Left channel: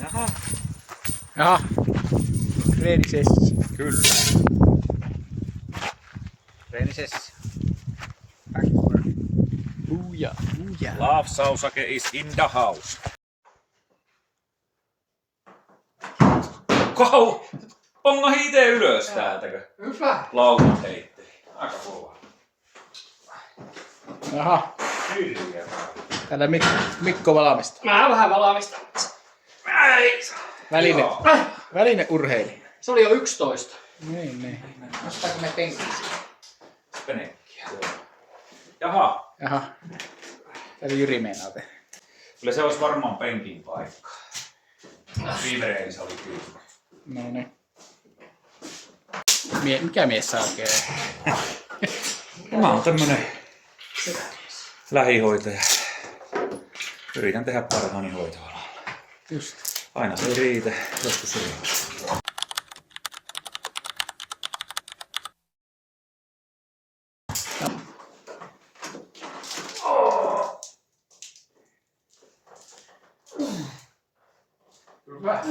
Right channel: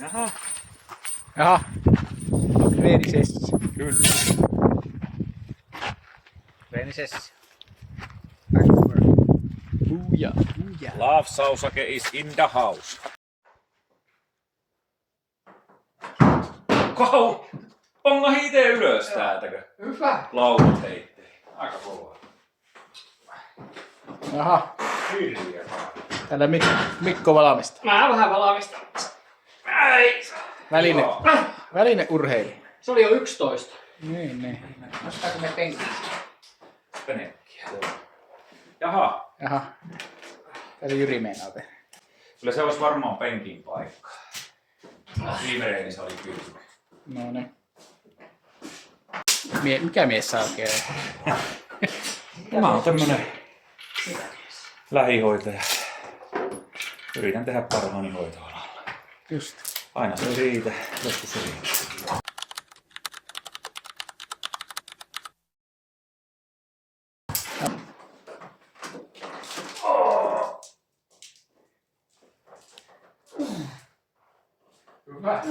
Jaha. Jaha. Treenisessio. Kyllä. Treenisessio. Buja, buja. Love Sausake is in the house. Kau! Pongahi ite ylös täältäkö? Hyvä. Laulun heittei. Aika kova. Jaha. Hirviä. Täällä Mikko valmistaa. Mä vähän valmistan. Välineurheilija. Se oli jo 11. Niin. Nostaako me penkkiä? Penekkiä. Jaha. Jaha. Täällä Jyri meinaa tehdä. Kyllä se olisi varmaan penkin paikka. Viime reenissä oli kyllä. No niin. Mikä mies saa oikein? Mä oon tämmönen lähihoitaja. Yritän tehdä parhaani hoitoalalla. Just. Aina se ei riitä, joskus se riittää. Hyvä.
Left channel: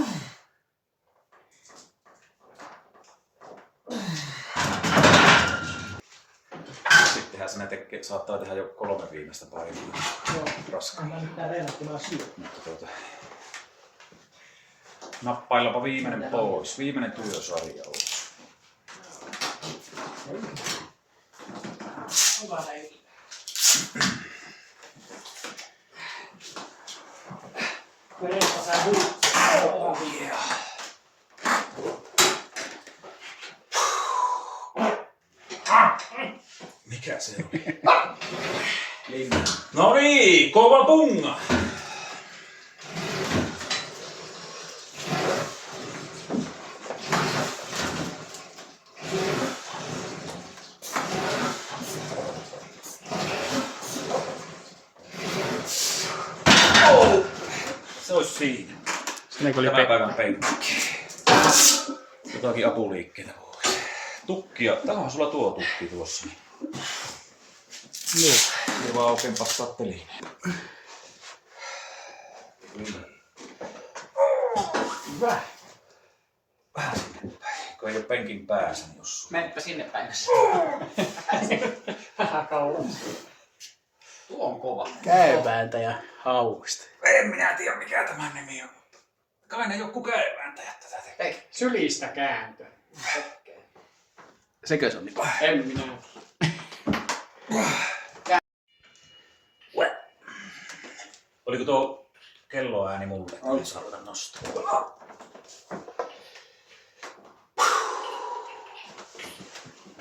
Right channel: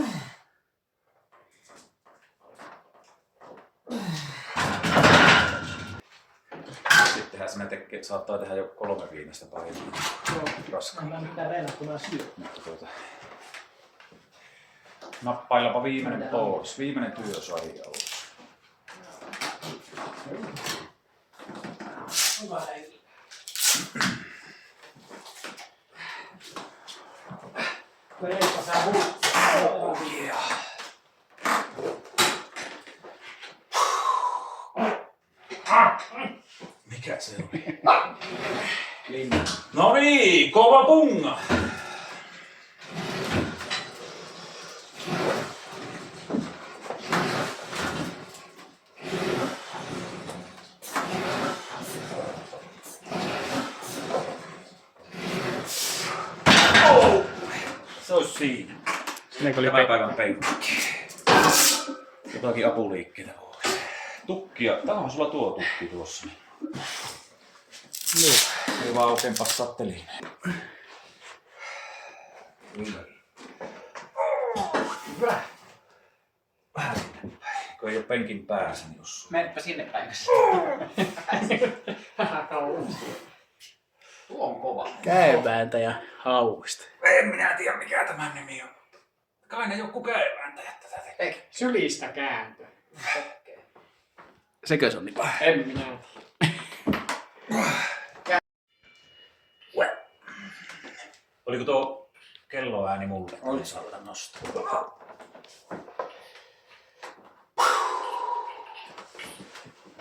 Sittenhän sinä saattaa tehdä jo 3 viimeistä painoa. Raskaan. Mitä verrattuna syö? Mutta nappaillapa viimeinen pois. Viimeinen työsarja olisi. Hyvä leiri. Verenpä sää Oh yeah. Mikä se oli? No niin, kova punga! Oh! Se olisi siinä. Tämän päivän penkki. Jotakin apuliikkeitä pois. Tukkia. Tää on sulla tuo tukki tuossa. Joo. Ei vaan oikein passaa telineen. Hyvä. Vähän sinne päin. Kun ei oo penkin päässä, niin jos... Menepä sinne päin. Vähän kauan. Tuo on kova. Käyvääntäjä hauista. En minä tiedä mikä tämän nimi on, mutta kai ne joku käyvääntäjät tätä tekee. Sylistä kääntö. Sekö se on niin? En minä tiedä. Oliko tuo kelloääni mulle? Oli. Saa ruveta nostaa.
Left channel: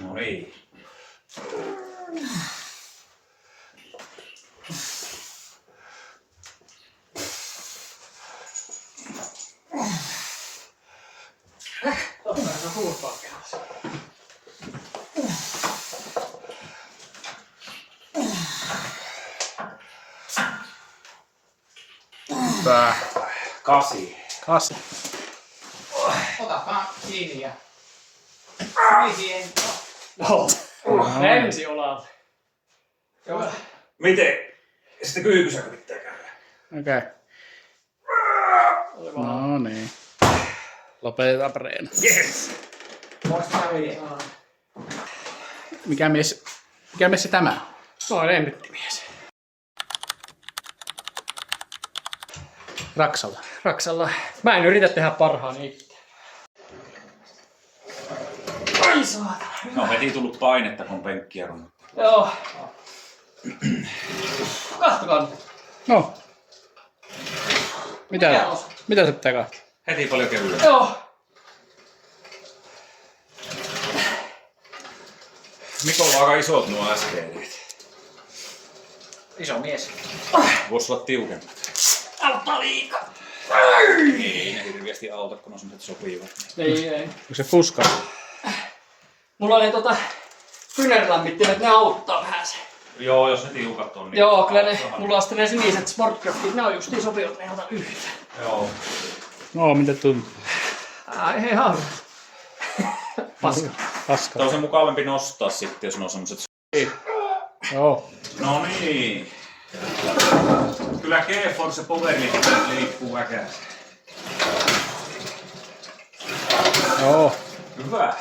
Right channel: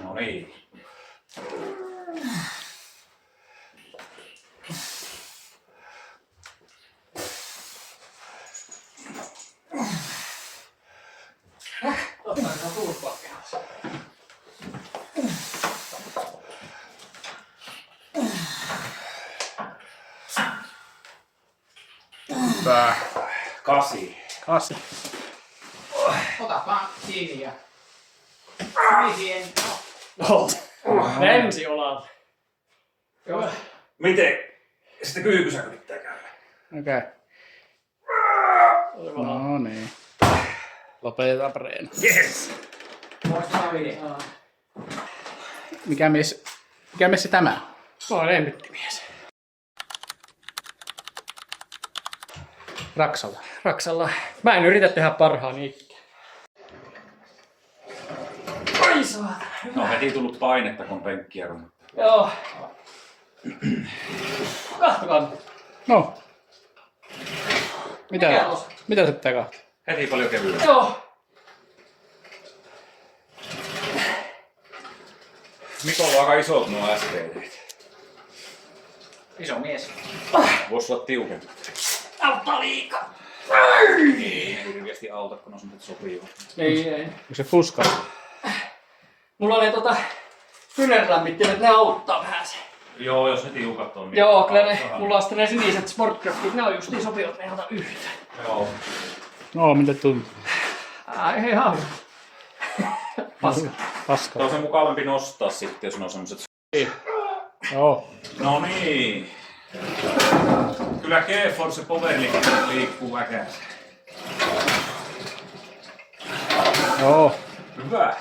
No niin. Ottaako huuspakkeassa? Tää. 8. 8. Ota vaan kiinni ja... Mihin? No. Ensi olalta. Joo. Miten? Sitten kyykysäkö pitää käydä? Okei. No niin. Lopetetaan reena. Yes! Voisi viedä. Mikä mies se tämä on? Noin lemmittimies. Raksalla. Raksalla. Mä en yritä tehdä parhaani ikään. Ai saatana. No heti tullut painetta, kun penkkiä runnuttaa. Joo. Kattokaa nyt. No. Mikä Mitä? osa? Mitä se pitää katsoa? Heti paljon kevyellä. Joo. Mikolla on aika isot nuo STD. Iso mies. Voisi olla tiukempi. Auttaa liikaa. Ei hirveästi auta, kun on semmoset sopivat. Ei. Onko se fuska? Mulla oli kyynärlämmittimet, ne auttaa vähän se. Joo, jos ne tiukat on. Niin Joo, kyllä ne, mulla on sitten ne siniset Sportcraftit, ne on justiin sopivat, ne ei ota yhtään. Joo. No, mitä tuntuu? Ai ihan. Paska. Paska. Tämä on se mukavampi nostaa sitten, jos ne on semmoset... Joo. No niin. Kyllä GeForce Power liikkuu väkäästi. Joo. Hyvä.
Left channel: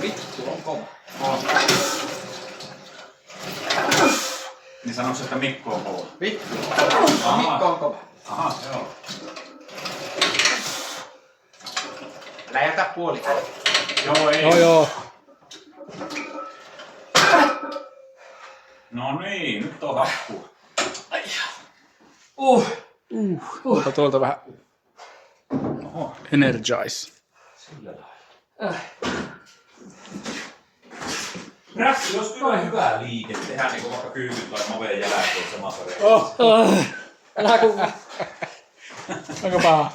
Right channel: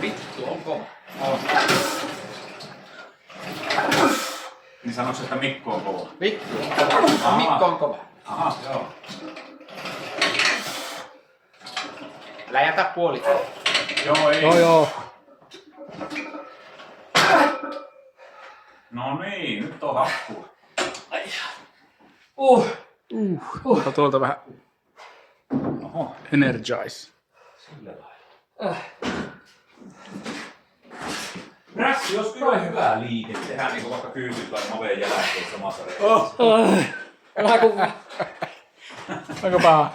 Vittu on kova. On. Niin sanoks, että Mikko on kova? Vittu. Aha. Mikko on kova. Aha, joo. Älä jätä puoli. Joo, ei. Joo. No niin, nyt on hakkua. Ai. Ota tuolta vähän Oho, energize. sillä lailla. Rässi, jos kyllä on hyvä liike, tehdään niinku vaikka kyykyn tai naveen jälkeen samassa reissussa. Älä kun... Aika paha.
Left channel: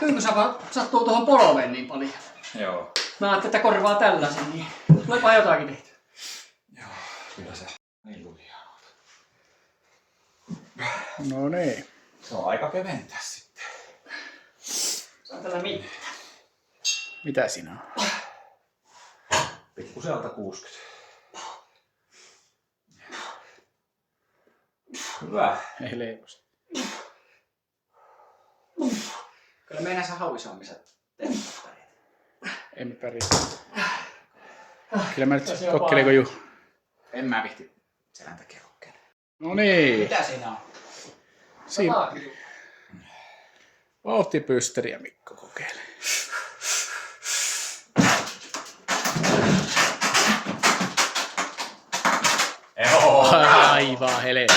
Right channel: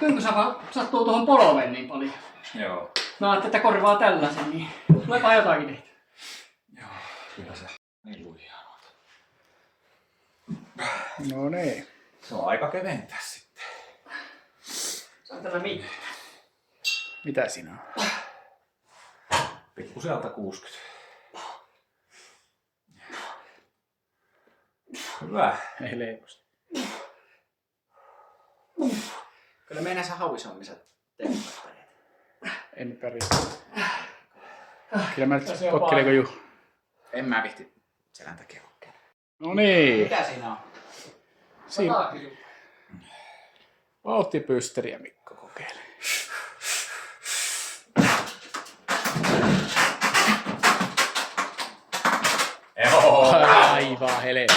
Kyykysä vaan sattuu tuohon polveen niin paljon. Joo. Mä ajattelin, että korvaa tällaisen, niin tuleepa jotakin tehty. Joo, kyllä se niin lujaa. No niin. Se on aika keventää sitten. Se on tällä mitään. Mitä siinä on? Pikkusen alta 60. Hyvä. Ei leiposta. Kyllä me näissä hauisammissa teemme. Emme pärjää. Kyllä mä nyt kokkelenko Juha. En mä vihti selän takia kokeilla. No niin. Mitä siinä on? Siinä vauhtipysteriä Mikko kokeilee. Joo. Aivan helvetti.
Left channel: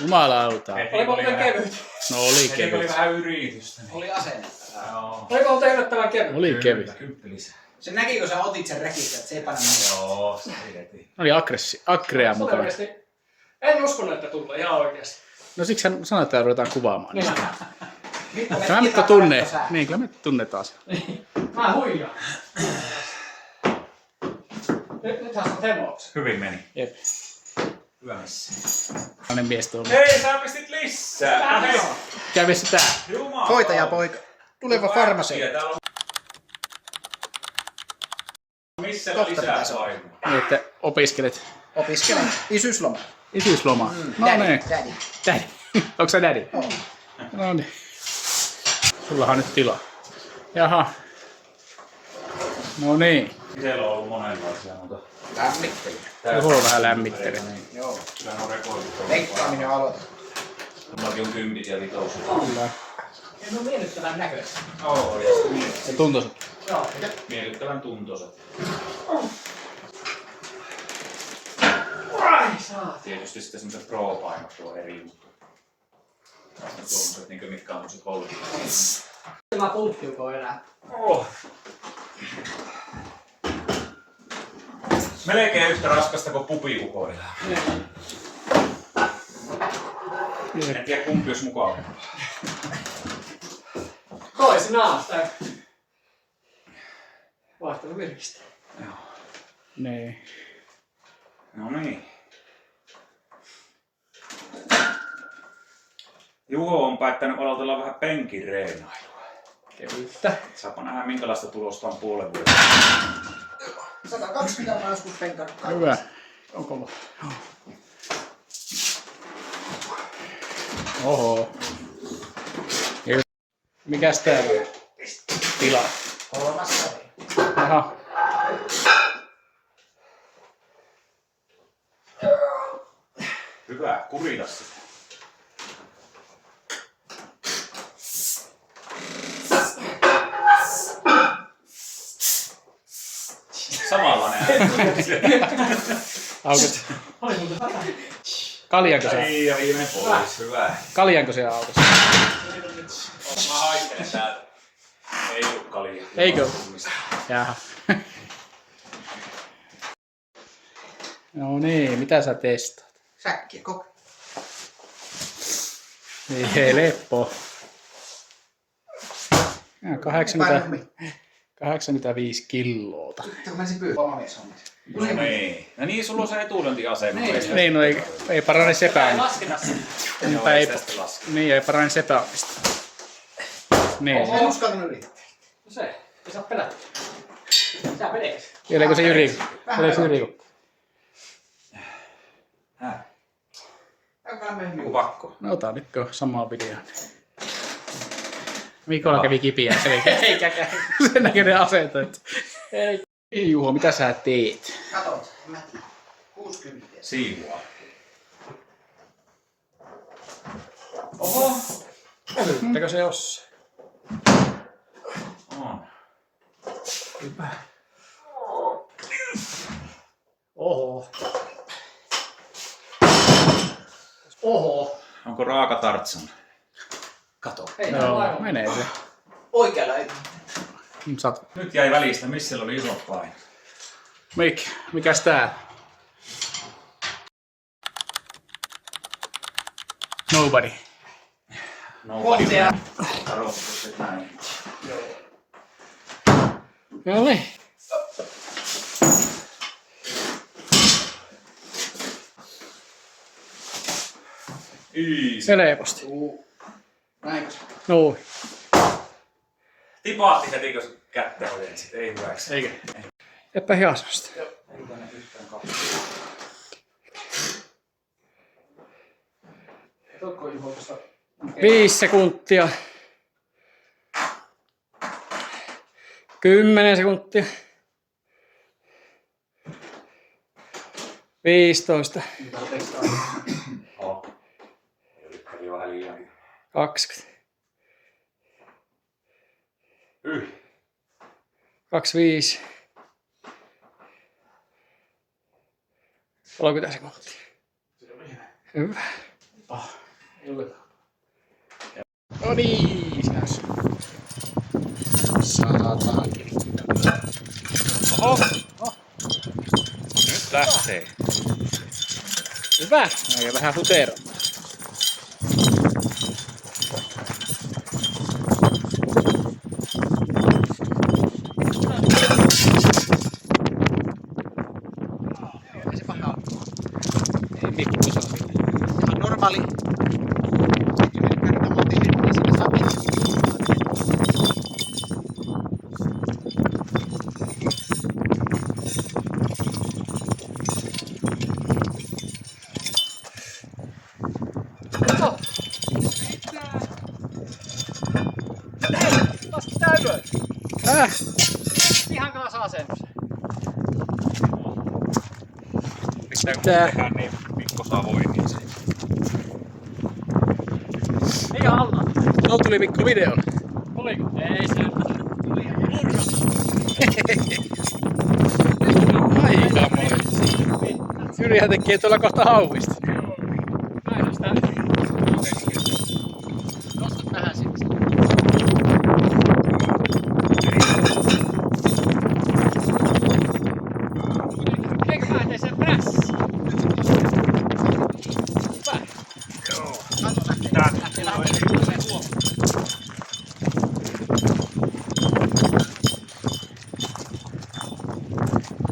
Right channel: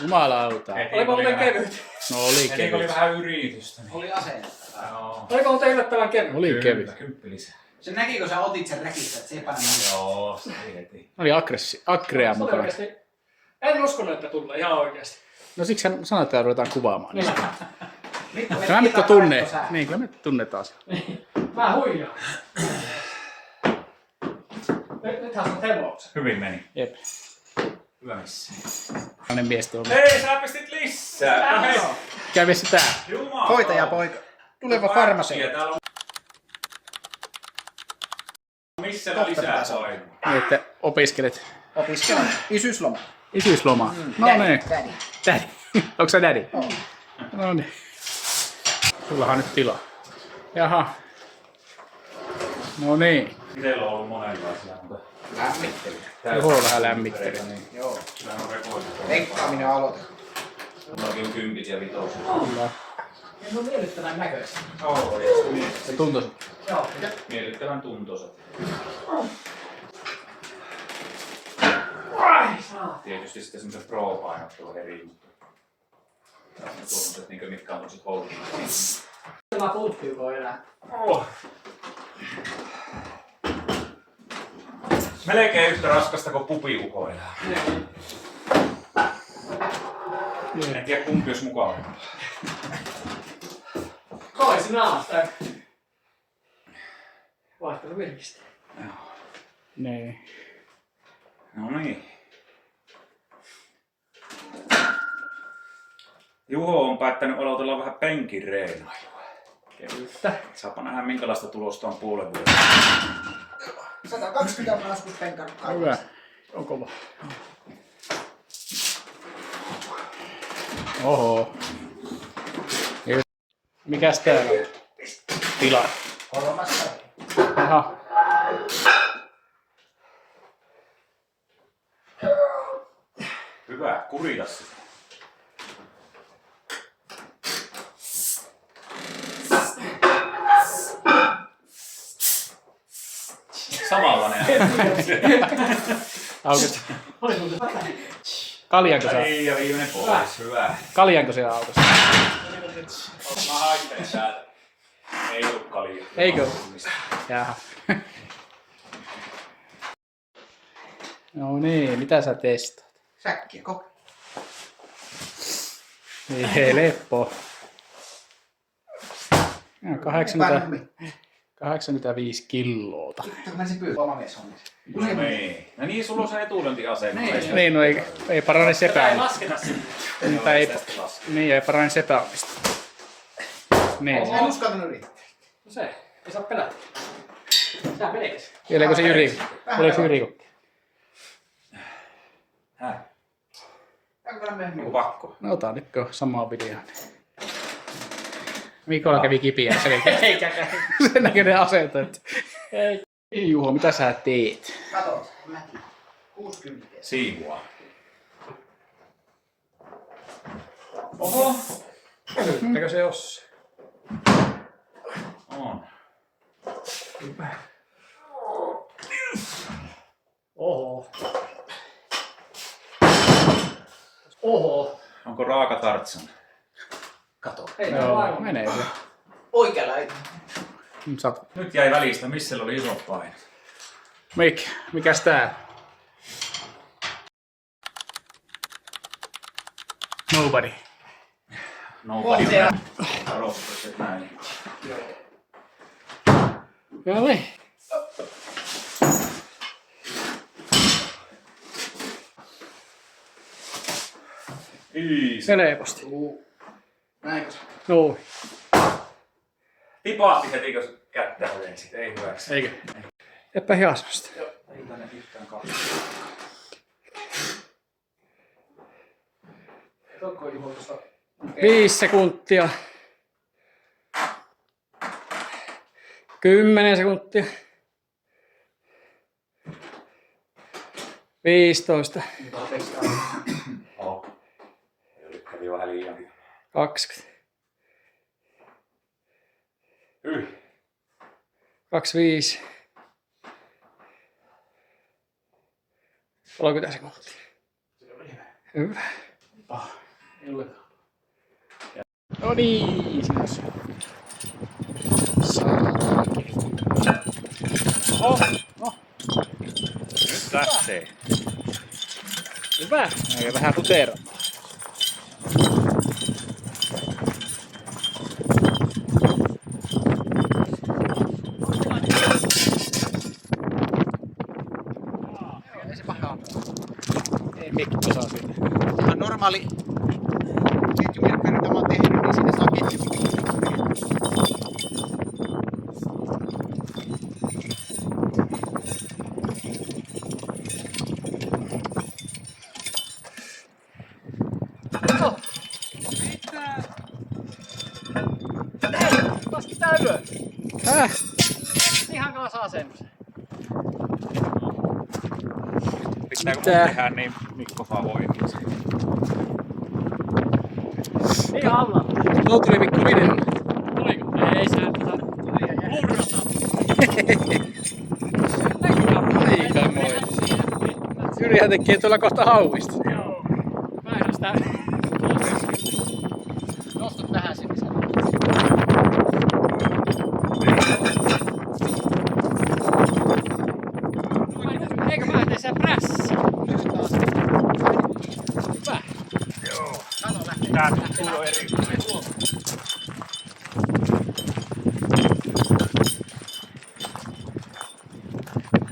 Jumalauta. Oliko muuten kevyt? No oli Oli kevyt. vähän yritystä. Niin. Oli asennetta. Joo. Oliko muuten yllättävän kevyt? Oli kevyt. Kymppi lisää. Se näki, kun sä otit sen rekistä, että se ei panna mitään. Joo, se ei heti. Oli agrea mukana. Oikeasti. En uskonut, että tulee ihan oikeasti. No siksi hän sanoi, että ruvetaan kuvaamaan Niin. niistä. Tämä Mikko tunnee. Niin, kyllä me tunnetaan se. Mä huijaan. Nythän se on temoukset. Hyvin meni. Jep. Hyvä missä. Tällainen mies tuolla. Hei, sä pistit lisää. Hei. Kävi se tää. Jumala. Hoitajapoika. Tuleva farmaseutti. Täällä on... Missä Kohta lisää pitäisi olla. painua? Niin, että opiskelet Opiskelen. Isyysloma. isyysloma. No Daddy, niin. daddy. Daddy. Onko sä daddy? Oo. No niin. Sullahan on nyt tilaa. Jaha. No niin. Itsellä on ollut monenlaisia, mutta... Lämmittely. Juho vähän lämmittelee. Joo. Kyllä on rekoitu. Leikkaaminen aloitetaan. Mullakin on kympit ja vitoset. Kyllä. Ne on miellyttävän näköistä. Oo, Se tuntuu. Joo. miellyttävän tuntoiset. Ai saa. Tietysti sitten semmoset pro-painot tuo eri juttu. Tuommoiset, niin mitkä on tommoset koulutukset. Mä puuttuuko enää? Oh. Melkein yhtä raskasta kuin pupiukoilla. En tiedä kumpi olisi mukavaa. Toisinaan sitä vaihtelu virkistä. Joo. Niin. No niin. Juho on päättänyt aloitella vähän penkin reenailua. Kevyttä. Saapa nähdä minkälaista tulosta on puolen vuoden. 120 mä joskus penkannut. Hyvä. On kova. Oho. Mikäs täällä on? Tila. Kolmas. Aha. Hyvä, kurita sitä. Samalla näin. Auket. Kaljanko sä? Ei, ja viimeinen pois. Hyvä. Kaljanko se autos? Mä haikkelen täältä. Ei oo kalia. Eikö? Jaha. No niin, mitä sä testaat? Säkkiä, koke. Niin, leppo. 85 kiloota. Sitten mä ensin pyytää oma mies hommissa. No niin. Ja niin, sulla on se etulyöntiasema. Niin, no ei parane sepää. Ei lasketa sitä. Mutta ei, niin, ei parane sepäämistä. Niin. En uskaltanut yrittää. No se, ei saa pelätä. Tää vedeksi. Vieläkö se Jyri? Vieläkö se Jyri? Häh? Onko pakko? No ota nyt samaa videoa. Mikolla kävi kipiä selkeä. Eikä käy. Sen näköinen asento. Ei Juho, mitä sä teet? Katot, mä tiedän. 60. Siivua. Oho. Pölyttäkö se jossain? On. Oho. Oho. Onko raaka tartsan? Kato. Ei tää Joo, aivan. menee se. Oikealla ei. Nyt jäi välistä, missä oli isot painot. Mikäs tää? Nobody. Kohtia. Arvostus näin. Jalle. Helposti. Näinkö? Noin. Tipaatti heti, kun kättä ojensit. Ei hyväksi. Eikö? Epä hiasmasta. Ei tänne yhtään kahta. Tokko Juho tuosta. 5 sekuntia. 10 sekuntia. 15. Oh. Eli vähän liian. 20. Yh. 25. 30 sekuntia. Hyvä. No niin, sinä saadaan kivi. Nyt lähtee. Hyvä. Ja vähän futero. Ei se pahaa. Ei mikki osaa siitä. Se on normaali. Sitten kun kerran on tehnyt, niin siinä saa pitkä. Laski tää ylös. Ihan kanssa asennus. Pitää kun Mitä? tehdään, niin Mikko saa voimia sen. Ei alla. No tuli Mikko video. Oliko? Ei se Aikamoin. Jyrihän tekee tuolla kohta hauista. päästä. Nosta vähän sinne. Eikö mä lähtee sen prässiin? Hyvä. Tää tuntuu jo eri.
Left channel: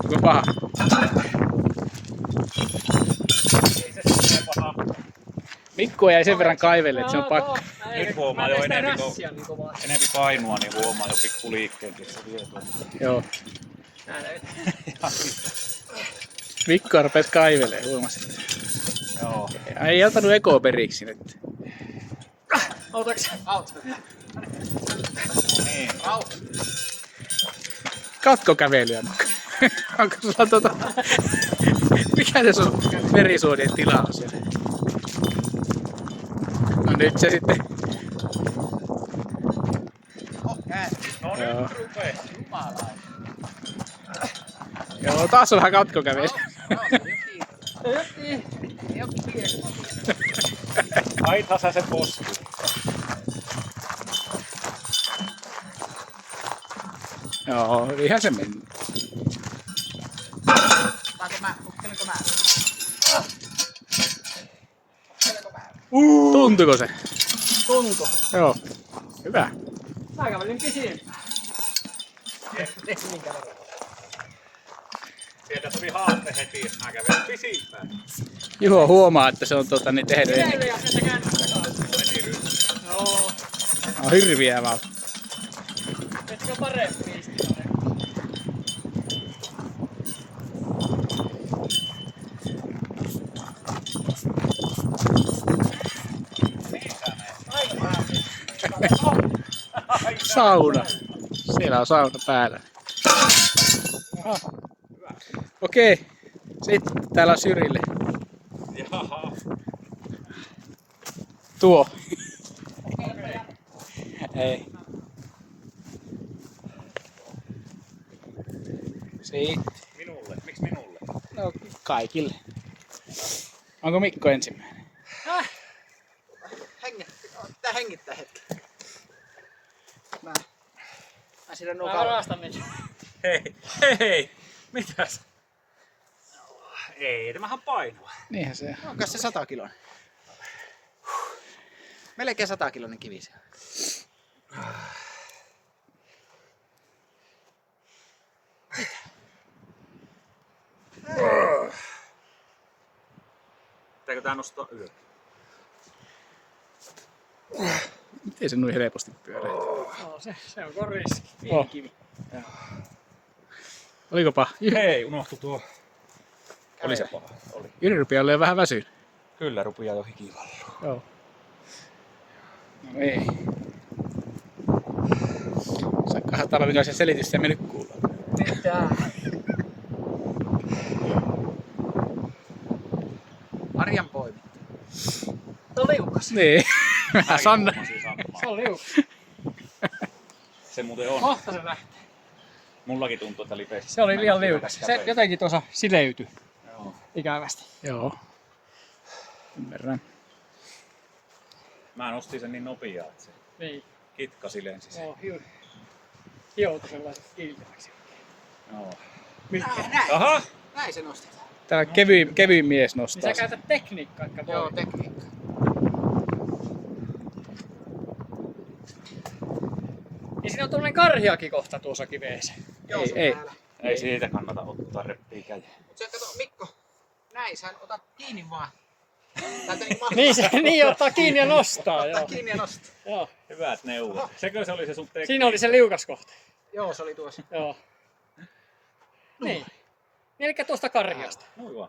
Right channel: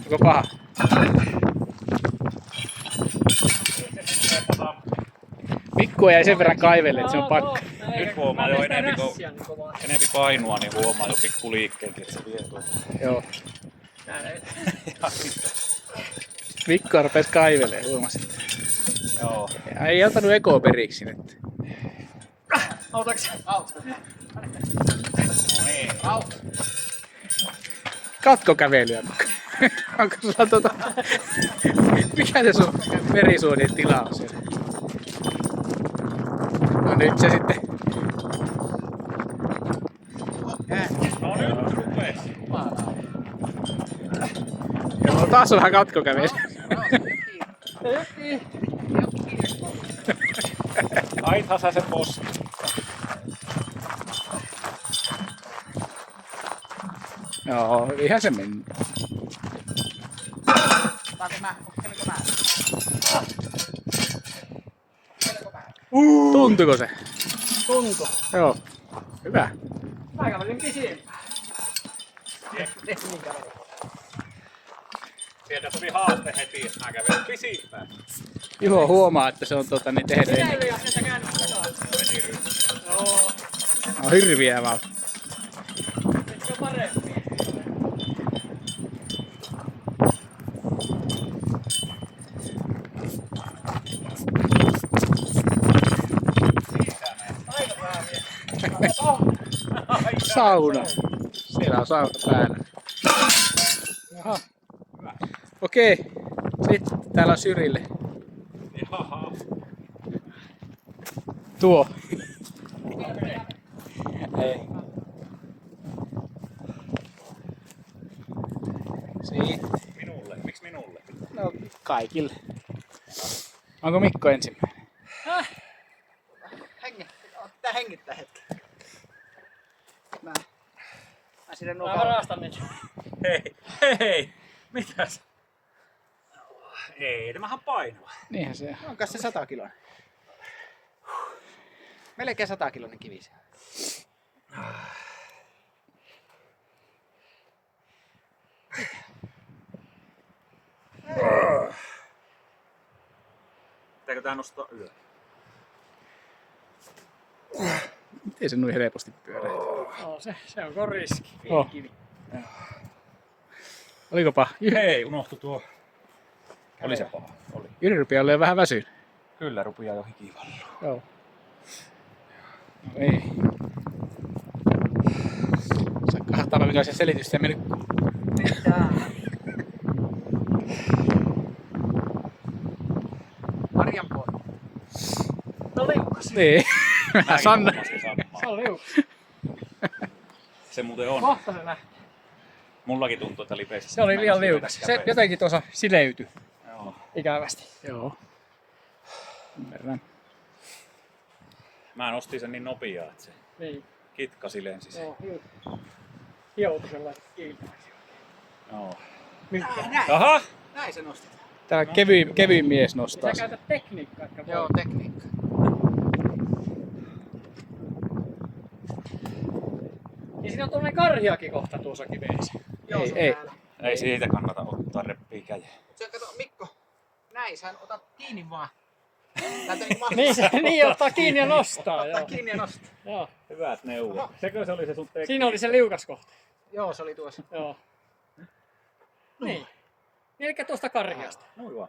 Onko paha? Mikko jäi sen verran kaivelle, että se on pakko. Nyt huomaa jo enempi, kun niin kovaa. enempi painua, niin huomaa jo pikku liikkeet, että se vie tuonne. Joo. Täällä ei. Mikko rupes kaivelee, huomasit. Joo. Ei antanut ekoa periksi nyt. Autaks? Niin. Katkokävelyä, Mikko. Onko sulla mikä se sun verisuonien tila on siellä? No nyt se sitten. Joo. Joo, taas on vähän katkokävely. Aithan sä se posti. Joo, ihan se meni. Tuntuiko se? Tunto. Joo. Hyvä. Mä kävelin pisimpään. Niin kävelin. Sieltä tuli haaste heti, että mä kävin pisimpään. Juho huomaa, että se on niin tehnyt. Minä ei jaksa se käännä. On hirviä vaan. Etkö parempi? Sauna. Siellä on sauna päällä. Aha. Okei. Sitten täällä on Syrille. Tuo. Ei. Sitten. Minulle? Miksi minulle? No kaikille. Onko Mikko ensimmäinen? Pitää hengittää hetki. Mä sinne Mä varastan nyt. Hei! Mitäs? Ei, tämähän on painava. Niinhän se. Onko se 100 kiloinen? Melkein 100 kiloinen kivi se. Pitääkö tää nostaa ylös? Miten se noin helposti pyörii? No, se on riski. Oh. Olikopa? Hei, unohtu tuo. Oli se paha. Oli. Jyri rupeaa olemaan vähän väsynyt. Kyllä, rupeaa jo hikivallua. Joo. No ei. Saattaa minkälaisia selitystä mennyt kuuluu. Mitä? Arjan poika. No liukas. Niin. Mä sanon. Se on liukas. Se muuten on. Kohta se lähtee. Mullakin tuntuu, että lipeästi. Se oli liian liukas. Se jotenkin tuossa sileytyi. Joo. Ikävästi. Joo. Ymmärrän. Mä nostin sen niin nopeaa, että se Niin. kitkasi lensi sen. Joo, hioutu sellaiset kiiltäväksi. Joo. Näin. Aha! Näin se nostetaan. Tää kevyin mies nostaa Sä sen. käytät tekniikkaa, että Joo, tekniikka. Niin siinä on tuollainen karhiakin kohta tuossa kiveessä. Joo, se on Ei. täällä. Ei siitä kannata ottaa reppii käteen. Mut sä kato, Mikko. Näin, sä otat kiinni vaan. Täältä niin mahtuu. Niin se niin ottaa kiinni ja nostaa. Ottaa Joo. kiinni ja nostaa. Joo. Hyvät neuvot. Sekö se oli se sun tekniikka? Siinä oli se liukas kohta. Joo, se oli tuossa. Joo. Niin. Niin eli tuosta karhiasta. Noin vaan.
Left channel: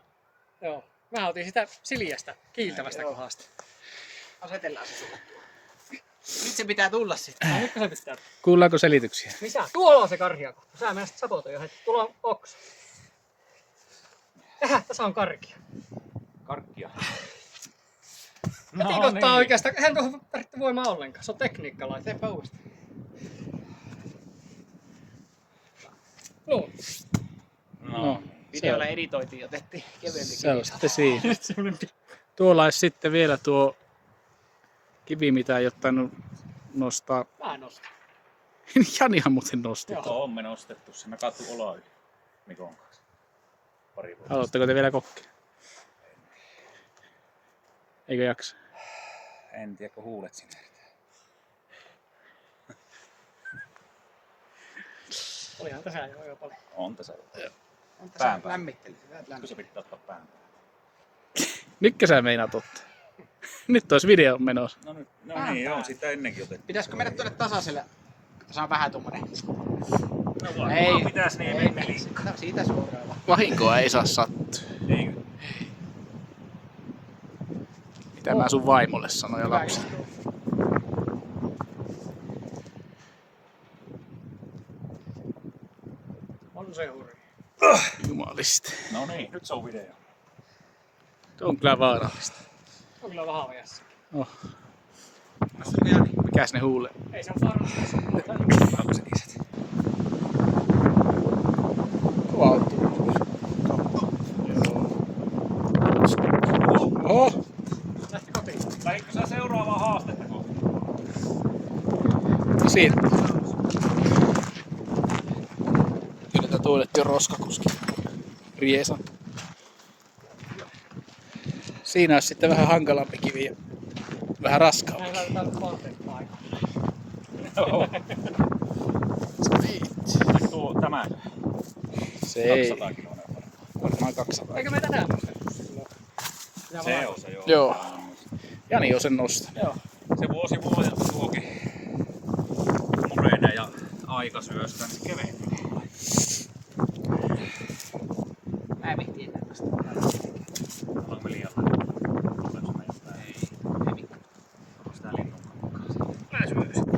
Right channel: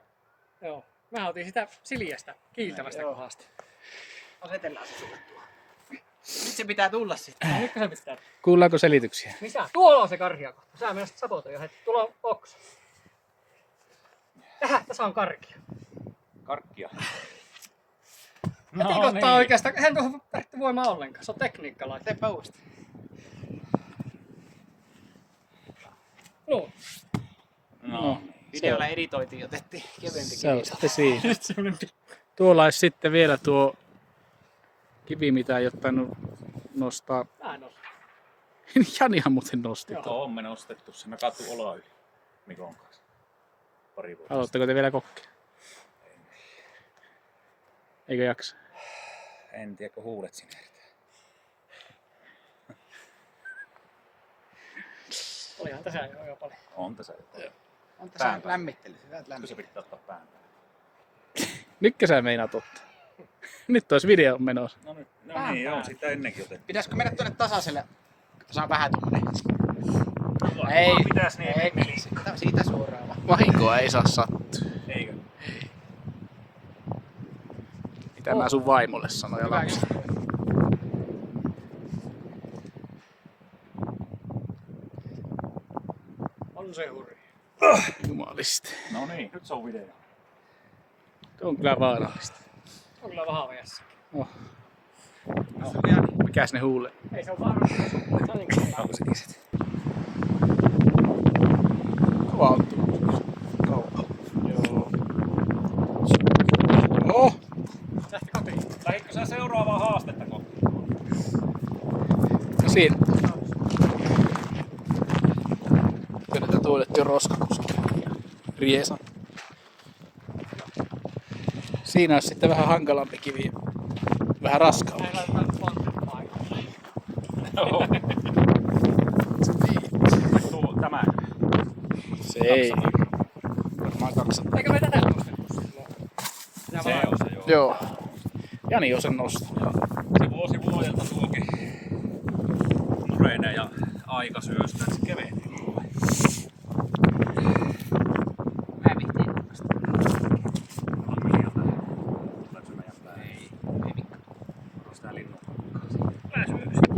Joo. Mä otin sitä siljästä, kiiltävästä Joo. kohdasta. Asetellaan se sulle tuohon. Nyt se pitää tulla sitten. No, nyt se pistää. Kuullaanko selityksiä? Missä? Tuolla on se karhia kohta. Sä menet sabotoja heti. Tuolla on oksa. Tässä on karkia. Karkkia. Heti kohtaa oikeastaan. Eihän tuohon tarvitse voimaa ollenkaan. Se on tekniikkalaite. Teepä uudestaan. No. No. Videolla editoitiin, otettiin kevyempi Se on kivi. sitten siinä. Nyt semmonen Tuolla olisi sitten vielä tuo kivi, mitä ei ottanut nostaa. Mä en osta. Janihan muuten nosti. Joo, on me nostettu se. Mä katson olaa yli. Mikon kanssa. Pari vuotta. Haluatteko te vielä kokkia? Eikö jaksa? En tiedä, kun huulet sinne. Olihan tässä jo paljon. On tässä. On tässä lämmittely. Hyvät Kun lämmittely. se pitää ottaa pään päälle. Nytkö sä meinaat ottaa? Nyt olisi video menossa. No nyt. No niin, joo. Sitä ennenkin otettiin. Pitäisikö mennä tuonne tasaiselle? Tässä on vähän tommonen. No, Ei. Pitäis niin mennä. Siitä suoraan vaan. Vahinkoa ei saa sattua. Eikö? Mitä mä sun vaimolle sanoin ja lapsi. On se hurja. Jumalista. No niin, nyt se on video. Tuo on kyllä vaarallista. On kyllä vähän ajassa. Oh. Tässä on Jani. Mikäs ne huulee? Ei se on vaarallista. Onko se kiset? Kova on tullut. Joo. Oho! Lähti kotiin. Lähditkö sä seuraavaa haastetta kohti? Siinä. Kyllä tätä tuotettiin roskakuski. Riesa. Siinä olisi sitten vähän hankalampi kivi ja vähän raskaampi. Ei laiteta polttaa aikaa. Joo. Tuo, tämä. Se ei. 200 kiloa. Varmaan 200. Eikö meitä näy? Se on se joo. Joo. Jani on sen nostanut. Se vuosi vuodelta tuokin murenee ja aika syöstää se kevenee. Hävittiin. Sitä linnun kanssa.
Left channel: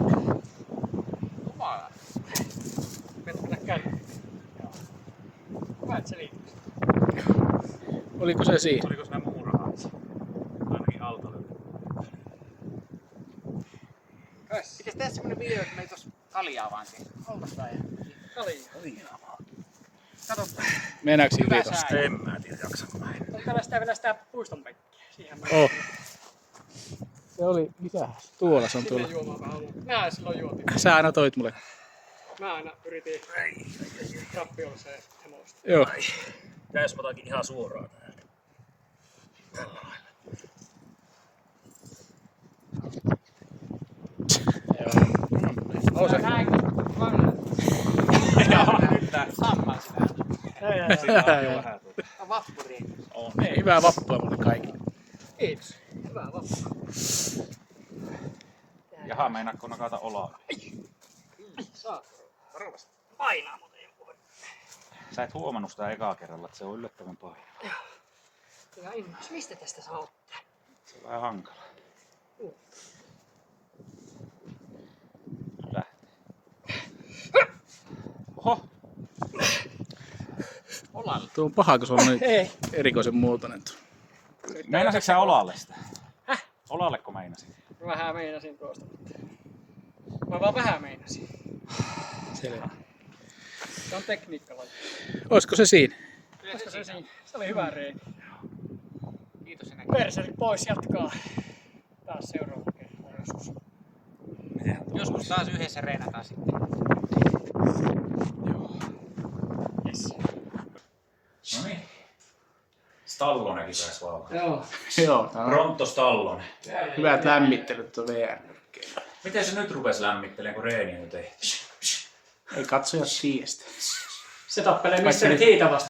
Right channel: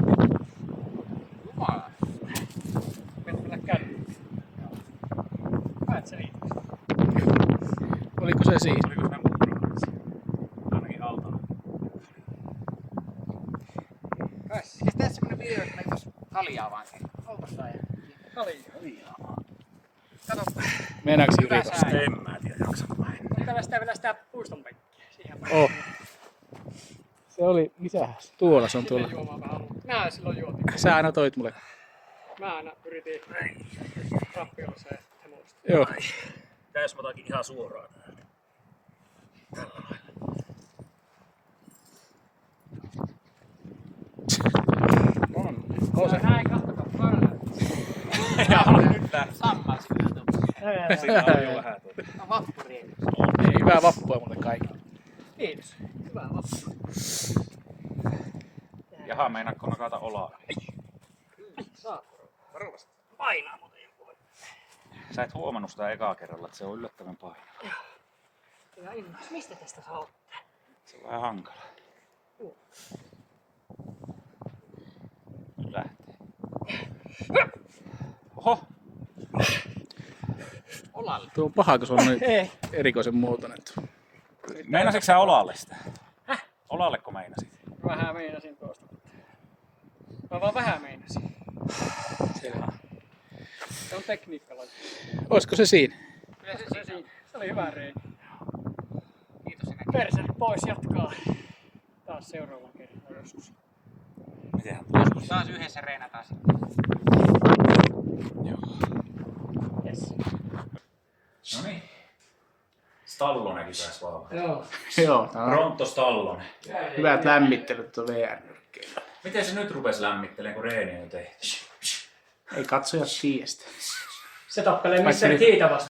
Hyvät selitykset. Oliko se siinä? Oliko siinä muurahaisia? Ainakin autolla. Siis tässä semmonen video, että meitä olisi kaljaa vaan sen. Onpas tää? Kaljaa. Kato, Mennäänkö yli tosta? En mä tiedä, jaksanko mä en. tällaista vielä sitä puiston penkkiä. Siihen mä Se oli, misähän? Tuolla se on tuolla. sinne juomaan vähän luulla. Mä silloin juotin. Sä aina toit mulle. Mä aina yritin rappiolliseen hemosta. Joo. Tässä otakin ihan suoraan täältä. Nouse. No vappuriin. Niin, hyvää vappua mulle kaikille. Kiitos. Hyvää vappua. Jaha, meinaatko nakata olaa? Saa. Painaa muuten joku. Sä et huomannut sitä ekaa kerralla, että se on yllättävän painava. Ihan innoissa. Mistä tästä saa ottaa? Se on vähän hankala. Lähtee. Oho! Olalle. Tuo on paha, kun se on noin Ei. erikoisen muotoinen tuo. Meinasitko sä olalle sitä? Olalleko meinasit? Vähän meinasin tuosta. Mä vaan vähän meinasin. Selvä. Se on tekniikkalaji. Olisiko se siinä? Koska se siinä. Se oli hyvä reini. Kiitos se näkyy. Perseli pois jatkaa. Taas seuraava kertaa joskus. Mitenhän Joskus taas yhdessä reenataan sitten. Yes. No niin. Stallonenkin pääsi vaan. Joo. Joo, tää on Pronto Stallone. hyvät lämmittelyt tuo VR-nyrkkeillä. Miten se nyt rupesi lämmittelemään, kun reeni on tehty? Ei katsojat tiedä sitä. Se tappelee Vaikka Mr. nyt- Kiita vastaan.